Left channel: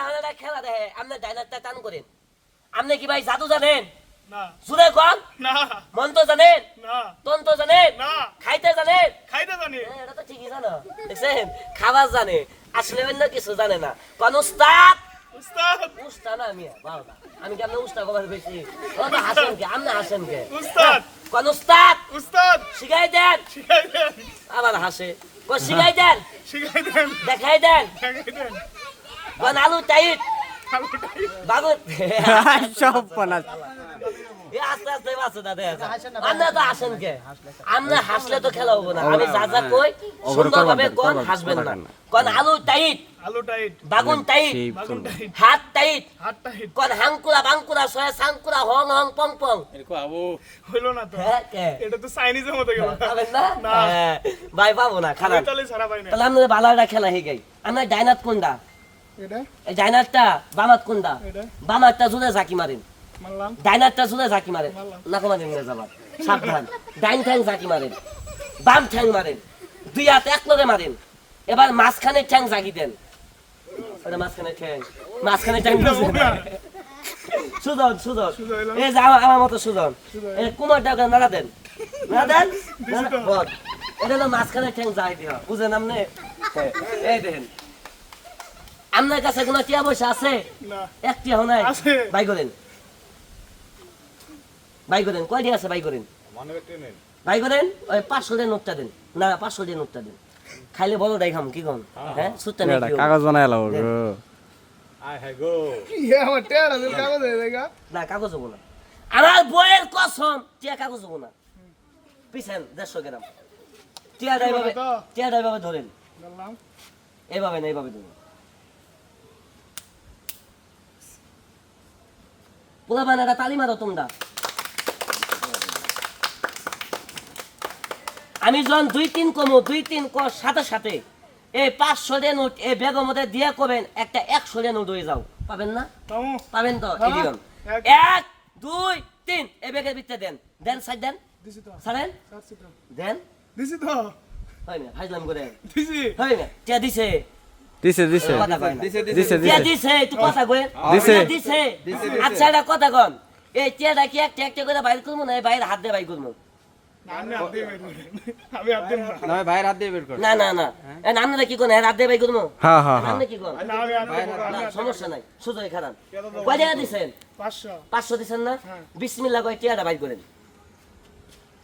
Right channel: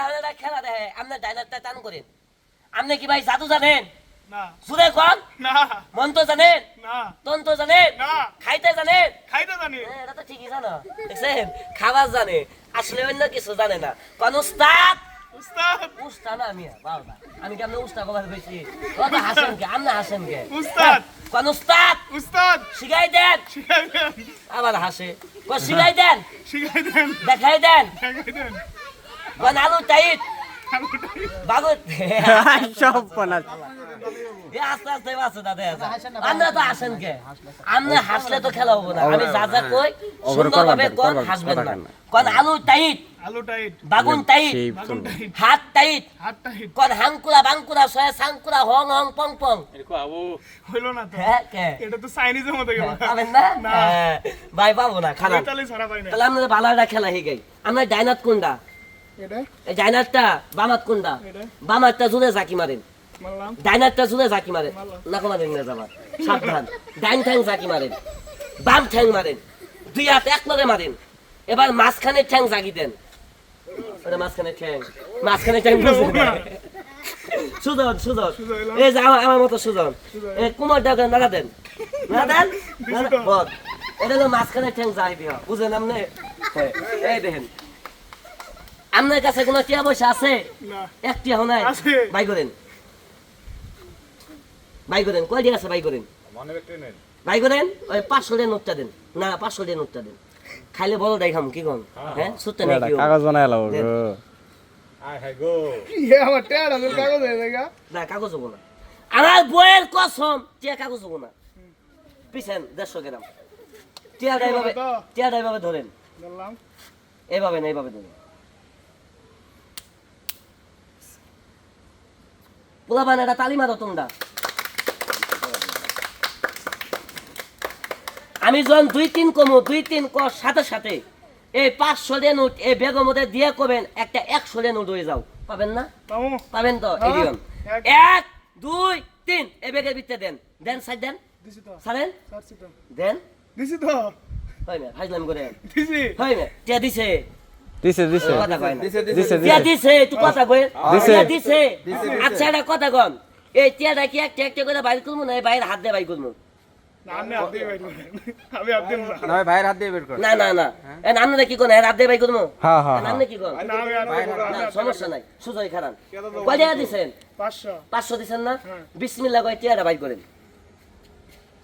এখন একটা খেলা দেখে আপনি ডাইনারটা টান করেন। আপনি কি ভাই জাদু জানেন? না সুরে কোন না মন্ত্র জানেন? না তন্ত্র জানেন? না খাইতে জানেন? খাইতে জানি এটা তো ঠিকই জানো, দেখছেন? খাবার জানে, আসলে অন্য কিছু জানে না। কোন উস্তাদ? উস্তাদ উস্তাদ না আমি বাবা, আমি কেমন উস্তাদ কবার বেশি? কত হাসেন কে? আপনি হাসেন কে? উস্তাদ কোন উস্তাদ? উস্তাদ শিখাই দেন। শিখাই দেন আবার হাসে। কোন শিখাই দেন, শিখাই দেন দেখাই দেন। শিখাই দেন কোন আলু টাইট বাগুত সব পানা এ আস্তে আস্তে বাসে দাদা। আমরা তো হাসেন কে? আমরা হাসলে তো খেলা হবো না। আমি যা যা কই সুন্দরভাবে কোন হাসবেন না। কোন আলু টাইট আলু টাইট বাগুন টাইট বাগুন টাইট হাত টাইট হাত টাইট কোন হাঙ্কুরা বাঙ্কুরা সয়া সাঙ্কুরা হং হং পং পং। হইলো না তো হ্যাঁ কে এটা তো চাইনিজের মতো গেল পাবেন না? না। হ্যাঁ, ভাই পাবো না খালা। ইতালি ছাড়া পাই না তাহলে আমরা বালাটা খেলা হয়ে গই। আমরা ডাইনাত কোনটা? এটা এই ডাইনাতটা বামাত কোনটা? এটা বামাতটা জুড়ে জাকি মারেন, মানলাম ডাইনারটা জুড়ে জাকি মারেন। না মারেন না যাবার সাবধান। ডাইন ঠ্যাং জাকি মারেন, বাম ঠ্যাং মারেন, দুই হাত এক লগে মারেন। এবার মাঝখানে ঠ্যাং জাগি দেন। ওটা মাঝখানে ঠ্যাং, মাঝখানে ঠ্যাং বুঝেন না? সুজন সুজন এই যে আমার মতো সুজন এই কুমারটা নাড়া দেন, নাড়া দেন, বল। এটা তো মাঝখানে ঠ্যাং জাগি দেওয়া, বুঝেন আপনি? এই দেখেন আপনার কাছে কোনো টিয়া পয়সা আছে? না একটি এখন নাই। আছে। বাই করেন, বাই করেন, কয়টি আছে বাই করেন, বাই করেন। ওই 500 টাকা নোটটা দেন, না 500 টাকা নোটটা দেন। খাইলে বলো দেখাম কি কম, হ্যাঁ সুত্তা নেই কি কাগজ বানায় লাও দেন। ইয়ে আমার টেয়ার আছে কাগজ হয়ে দেখা না কাগজ হবো না, আমার বইয়ের কসম টিয়া কাগজ হবো না। পিছেন 150 গ্রাম টিয়াটা এইভাবে, টিয়াটা এইভাবে ধরেন, বললাম এইভাবে না এইভাবে ধরেন। পোলা বানাটা তালি মারো তোমরা। আমি যখন 2-3 কমো, 2-3 কর সাথে সাথে এই 500 টাকা নোট এই ব্যাগের মধ্যে দিয়ে করবেন একটা 100 টাকা নোট হয়ে যাও। পাবেন না? তাও পাবেন তো? এই দিন এক। 1 2 3 এই ব্যাগের ভিতরে দেন, দেন সাইড দেন, দিছি তো সারেন ছাড়ছি তো দেন। দিছি তো হয় না ফাইজলাম করে, দিছি হয় না? টিয়া দিছে, দিছে দিছে কথা কয় না। দিছে টিয়া দিছে, একটু কথা কই। দিছে। টিয়া দিছে, আচ্ছা এটা কথা কন। এই টিয়াটা কি একটা একটা করে বাইর করবো না এই বাইরে হাত দিয়ে বাইর করবো? না আমি হাত দিয়ে বাইর করি আমি হাত দিয়ে না না ভাইয়ের হাত দিয়ে বের কর না না না এন আপনারা কি কোন হাত দিয়ে বাইর করবো? হ্যাঁ হ্যাঁ আপনি কি কোন? না আমি হাত দিয়ে করবো, আমি না, হাত দিয়ে সমস্যা নাই, সুজয় খারান। কয় টাকা দিছেন? 500 500 দিছেন না? হ্যাঁ। বিসমিল্লাহ কয় টিয়াটা বাইর করেন।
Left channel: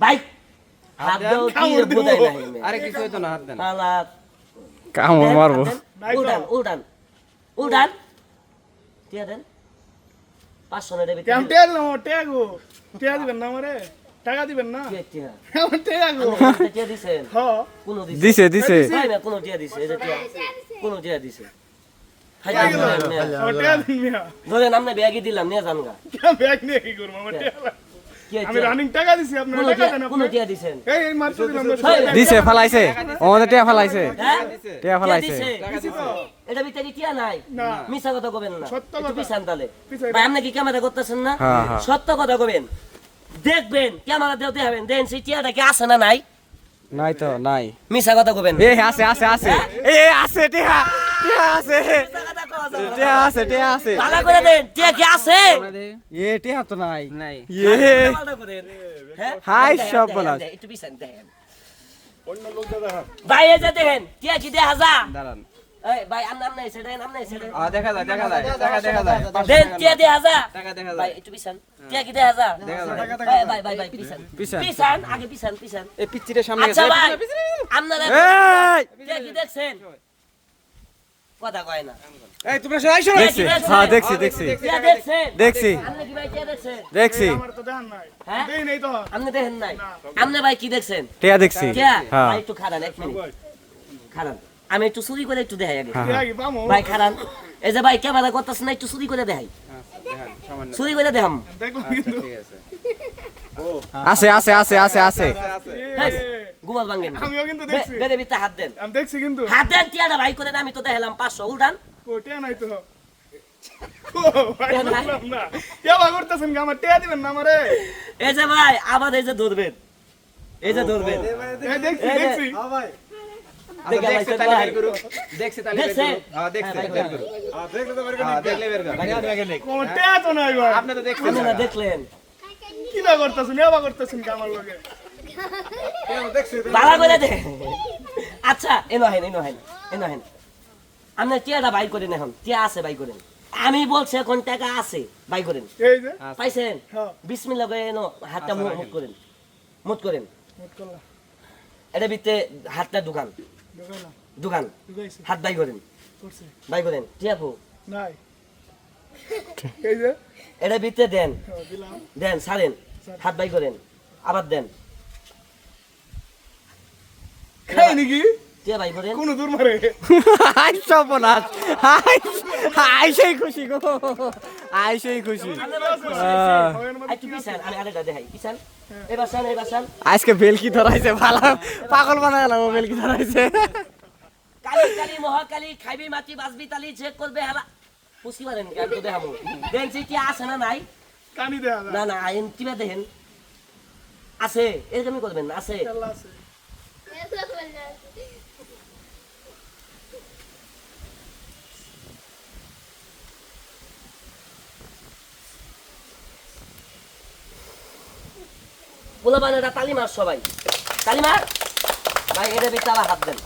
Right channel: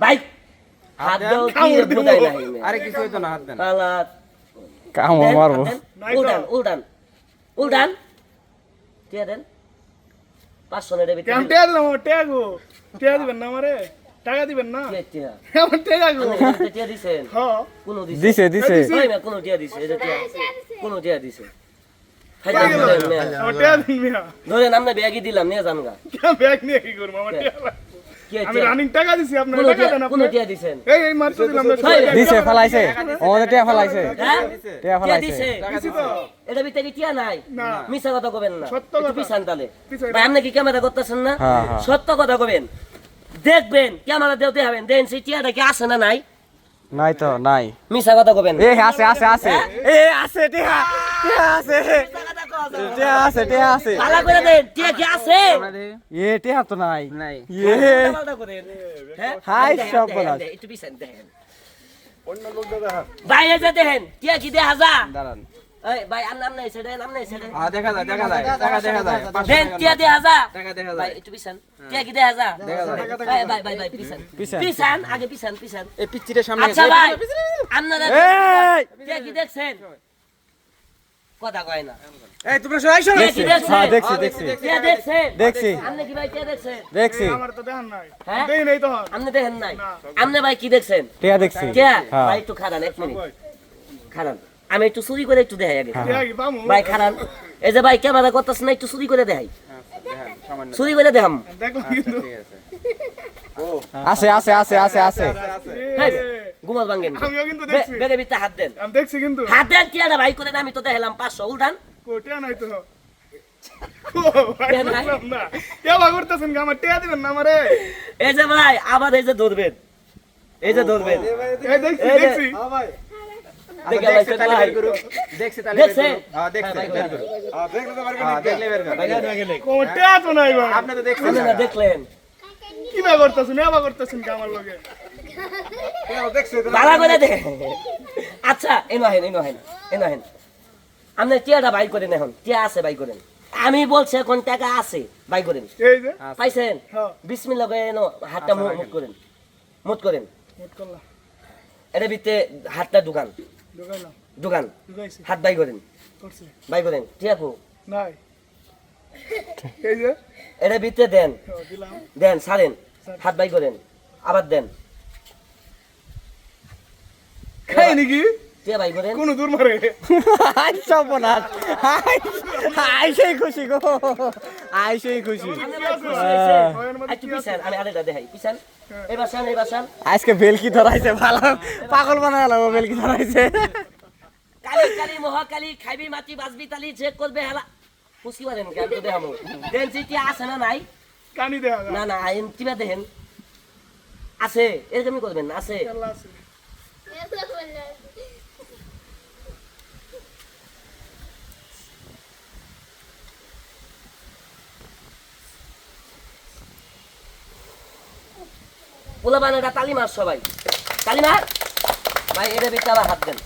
ভাই হাত দেন, দাও কি কামড় দিব। বুঝাই নাই। আরে কিছু হইতো না হাত দেন হালাত কামড় দেন, মারবো দেন, নাই তো। উল্টান উল্টান উল্টান টিয়া দেন। 500 নেড়ে বিতে কেমন টেয়ার না টেয়া গো টেয়া দিবেন না আমারে টাকা দিবেন না টিয়া কেমন টেয়া গো আপনি টিয়া দিছেন? হ্যাঁ কোন দিছে? দিছে দিছে হয় না কোন টিয়া দিছে? এটা টিয়া কোন টিয়া দিছে? খাই কই গেল দেন, নেন। আমার টেয়া দিন মিয়া ধরেন আমরা ব্যাগই দিলাম নিয়ে যান গা। কেমন ব্যাগ নিয়ে কি করবো আমার টেয়া কি আমি টিয়া? রানিং টাকা দিছি আপনার কোন টাকা টিয়া? দেন কোন আপনি টিয়া দিছেন? এই মাত্র দিলাম না হয়। দিছে ফেলাইছে আমাদের টিয়া ফেলাইছে হ্যাঁ? টিয়া টিয়া ফেলাইছে দিছে? দিছি তো এটা ভিতরে টিয়া নাই? না মিছা কথা কবেন না, সত্য একটু কথা। পিছান তাহলে। পিছাই ভাই আপনি কি ক্যামেরা করতেছেন না? হ্যাঁ, হ্যাঁ। সত্য কথা কবেন, দেখবেন ক্যামেরা দেও দেখাবেন, দেন সেই টিয়াটা কি আছে না নাই? নাই তো নাই মিছা কথা কবেন না। এ আছে আছে আছে এ আছে টিয়া টিয়া আছে মিছা কথা কওয়া যাবে না। টিয়া আছে টিয়া আছে ভালো করে দেন, টিয়া কি আছে? এ টিয়া তো নাই নাই এ ভালো করেন। হ্যাঁ? হাই দেখেন, সব দেখেন, বলা দেখেন, একটু পিছান দেখেন। ভাই এই যে দেখেন টিয়া কি দেখা যা? দাঁড়ান এই ভাই আর নাম নাই সেটা, নাম নাই সেটা। দেখা যায় টাকা দেখা যায় দেন টিয়া দেখা যা। টাকা দেখা ভাই একটু পিছান, টিয়া কি দেখা যা? দেখা যায়। ভাই ভাই ভাই ভাই পিছান, পিছান। পিছান আগে পিছান পিছান। এই পিচ্চিটা সামনে আচ্ছা ভাই আপনারা এই টিয়া কি দেখছেন? কথা কয় না। এই তোমরা সবাই আইছো টিয়া কি দেখছেন? হ্যাঁ দেখছি দেখছি টিয়া দেখছেন? দেখছি আপনি কি ভাই টিয়া দেখছেন? দেখছি আমার তো দেখান নাই হ্যাঁ? দেই নাই তো আপনি দেখেন নাই? আপনি ভাই কি দেখছেন? টিয়া দেখছি টিয়া হ্যাঁ ভাই একটু খারান, এক মিনিট খারান। আমি একটু চুরি করে একটু দেখাই আগে। টেয়া কি পামু ভাই খারান, এই যে ভাই ক্যামেরা করতেছেন না, একটু চুরি করে দেখাই, সামান্য চুরি করে দেখাম। দেখলাম কিন্তু আছে আছে আছে আছে আছে হ্যাঁ, ঘুমাল ভাঙ্গেন। আমিও কিন্তু দেখছি বেগে ভিতরে হাত দেন, আমি দেখছি কিন্তু হাত দেন টিয়াটা ভাই করে দেন। আমি তো দেখালাম 500 উঠান। টেয়া নাই তো ভাই বুঝলাম না কে ভাগ করতেছেন আমার টেয়া দিবেন না আমারে এই যে ভাই আবার এই যে ধরবেন, এই যে ধরবেন, এই দেখছি এই যে- দেখছি দেখে দেখছে লাইছে তাহলে নাই। বের করুক দেখছে তাহলে দেখছে? বের করুক হ্যাঁ দেখছে হ্যাঁ, বের করুক হ্যাঁ দেখলে বের করুক কোনটা তো নাই ভাই আপনি তো দেখছেন আপনারা দেখলেন কি না করতেছেন এবা করতেছেন কি আমার লগে ভাড়া করে দে আচ্ছা এনো হেন আপনি টিয়াটা বাই করেন এখন টিয়া আছে বাই করেন আমি বলছি এখন টাকা আছে বাই করেন এই যে পাইছেন হ্যাঁ। বিসমিল্লাহ করে এনো হাতটা মুট করেন মুট করেন নোট করলাম এটা ভিতরে হাতটা দোকান ঢুকালাম দোকান ঢুকাইছি হাত বাই করেন করছে বাই করেন ঠিক আছে নাই এই যে এটা ভিতরে দেন দিলাম দেন ছাড়েন হাত বাই করেন আবার দেন খাই নাকি টিয়া বাই করেন কোন দূর মারে আই সর্বনাশ আই সেই খুশি গো আই সেই খুশি একটু পিছান আমি আরেকটা দেখাই পিছান এবার শান আজকে বেলকি ধরাইছে ভালো পাগল বানায় গেল বেলকি ধরাইছে কালি কালি মহাকালী খাইবি মাটি বাজবি তালি চেক করবে হেলা পুষি মারেন কেন তো দেখাবো দেন কি আছে না নাই কানি দেখা যায় না না আইন কিবা দেখেন আছে এরকমই করবেন আছে আল্লাহ আছে পোলা বানাটা তালি মার সবাই তালি মার ভাই এর ভিতরে আবার হাত দেন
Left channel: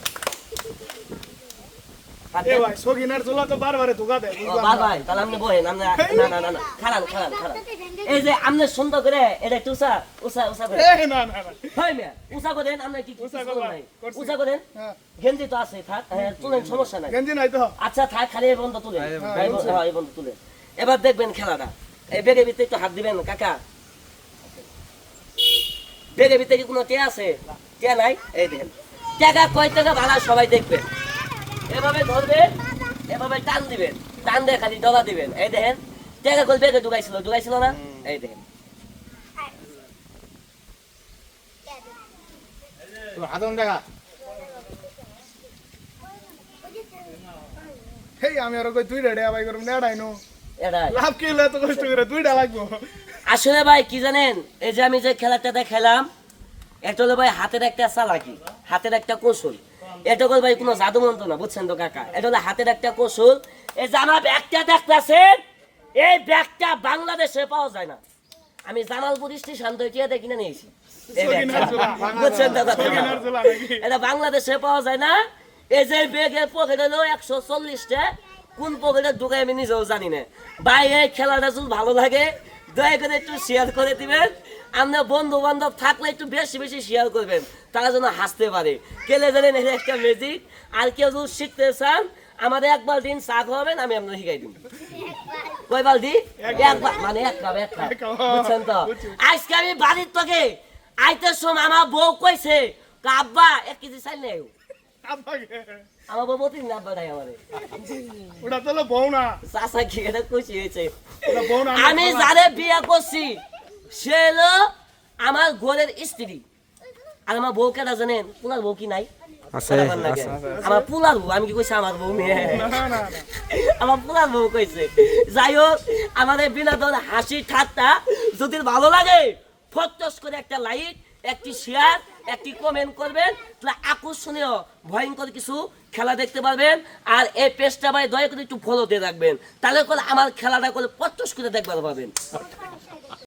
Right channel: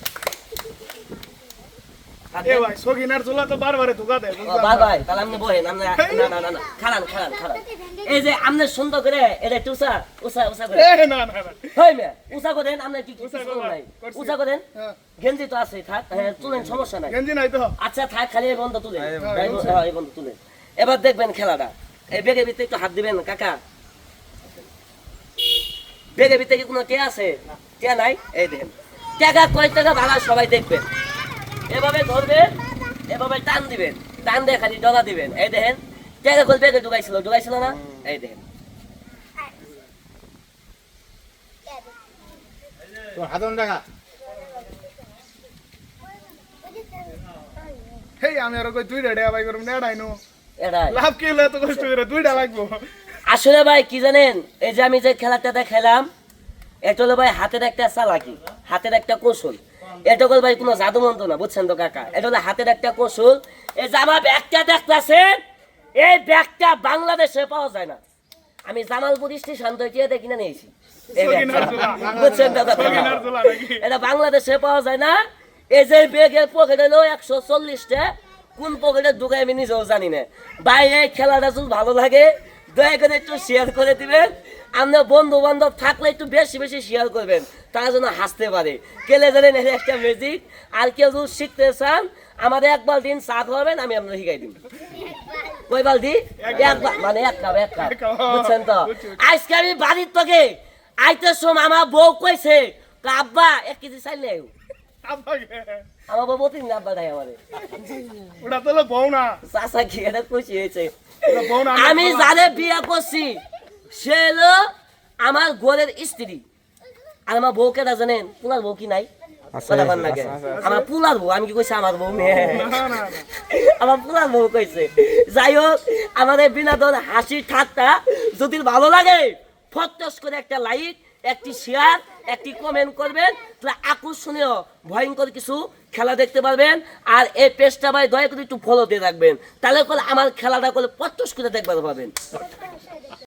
হাত এ দেন। ভাই সগিনার চুলা তো বারবারে ধোকা দেয় ও, ভাই ভাই তাহলে আপনি বহেন আপনি না খারান এই যে আপনি সুন্দর করে এটা একটু উষা করে এ না না না হয় না উষা করেন আপনি কি উষা কিছু করলাম, নাই করছি। উষা করেন হ্যাঁ গেঞ্জি তো আছে থাক তুলেন সমস্যা নাই গেঞ্জি নাই তো আচ্ছা থাক খালি এই বন্ধ তুলে এই বন্ধ তুলে এবার দেখবেন খেলাটা এই বেগের ভিতরে একটু হাত দিবেন কাকা বেগের ভিতরে কি কোনো টিয়া আছে টিয়া নাই এই দেখেন টাকা কয় টাকা ভাড়া সবাই দেখবেন এভাবে ধরবেন এভাবে টান দিবেন টান দিয়ে খালি ডলা দিবেন এই দেখেন টাকা কই বেগে ঢুকাইছিল না এই দেখেন হেই আমি আর কই দুইটা ডেয়া বাই করব নেড়াই নো এটাই লাভ কি হলে তো কষ্ট করে দুইটা লাগবো আসলে ভাই কি জানেন এই যে আমি যে খেলাটা খেলাম এটা হলো ভাই হাতের একটা চালাকি হাতের একটা কৌশল এটা হলো ভাই কোনো জাদু মন্ত্র না বুঝছেন তো কাকা এটা হলো হাতের একটা কৌশল এই যে আমার ব্যাগটা দেখতেছেন এই ব্যাগটা বাংলাদেশে পাওয়া যায় না আমি জামালপুর স্টেশন থেকে এটা কিনে নিয়েছি এই ব্যাগটা। সগিনার চুলা বুঝছেন তো কথা? সগিনার চুলা নাকি এটা বাংলাদেশে পাওয়া যায় না এই যে ব্যাগের পকেট হলো 140টা কোন পকেটে ঢুকায় আমি নিজেও জানি না বাইরে খেলাটা যদি ভালো লাগে দয়া করে একটু শেয়ার করে দিবেন আপনার বন্ধু বান্ধব থাকলে একটু বেশি বেশি শেয়ার করবেন তারা যেন হাসতে পারে কেলে জানেন এটা একটা ম্যাজিক আর কেউ যদি শিখতে চান আমাদের এক বালতিন চা খাওয়াবেন আমি আপনার শিখাই দিব কই বালতি একবার মানে এক কাপ বুঝছেন তো আজকে আমি বাড়ির থেকে আইতে সোম আমার বউ কইছে আব্বা 1 কেজি চাইল নেই আব্বাকে আমার বউ প্রতিদিন আব্বা খাই আমাদের ওটা তো হলো বউ না চাচা কি এটা খুশি হয়েছে ওটা বউ না আমি যারে বিয়ে করছি সে হলো আমার ঘরের স্ত্রী আর আমার বউকে না জানেন পুনার বউ কি নাই কথা বলেন না কেন? আমার পুলার বউ আমি কি কইছি আমার বউ মেয়ে না না না আমার পুলার বউ কইছে যাই হোক আমাদের বিনোদন হাসি ঠাট্টা যদি ভালো লাগে ফটস করে একটা লাইক একটি শেয়ার একটি কমেন্ট করবেন তাহলে আকর্ষণীয় ভয়ঙ্কর কিছু খেলা দেখতে পারবেন আর এই পেজটা ভাই দয়া করে একটু ফলো দিয়ে রাখবেন তাহলে করে আমার খেলাটা করে ফটস করে দেখতে পারবেন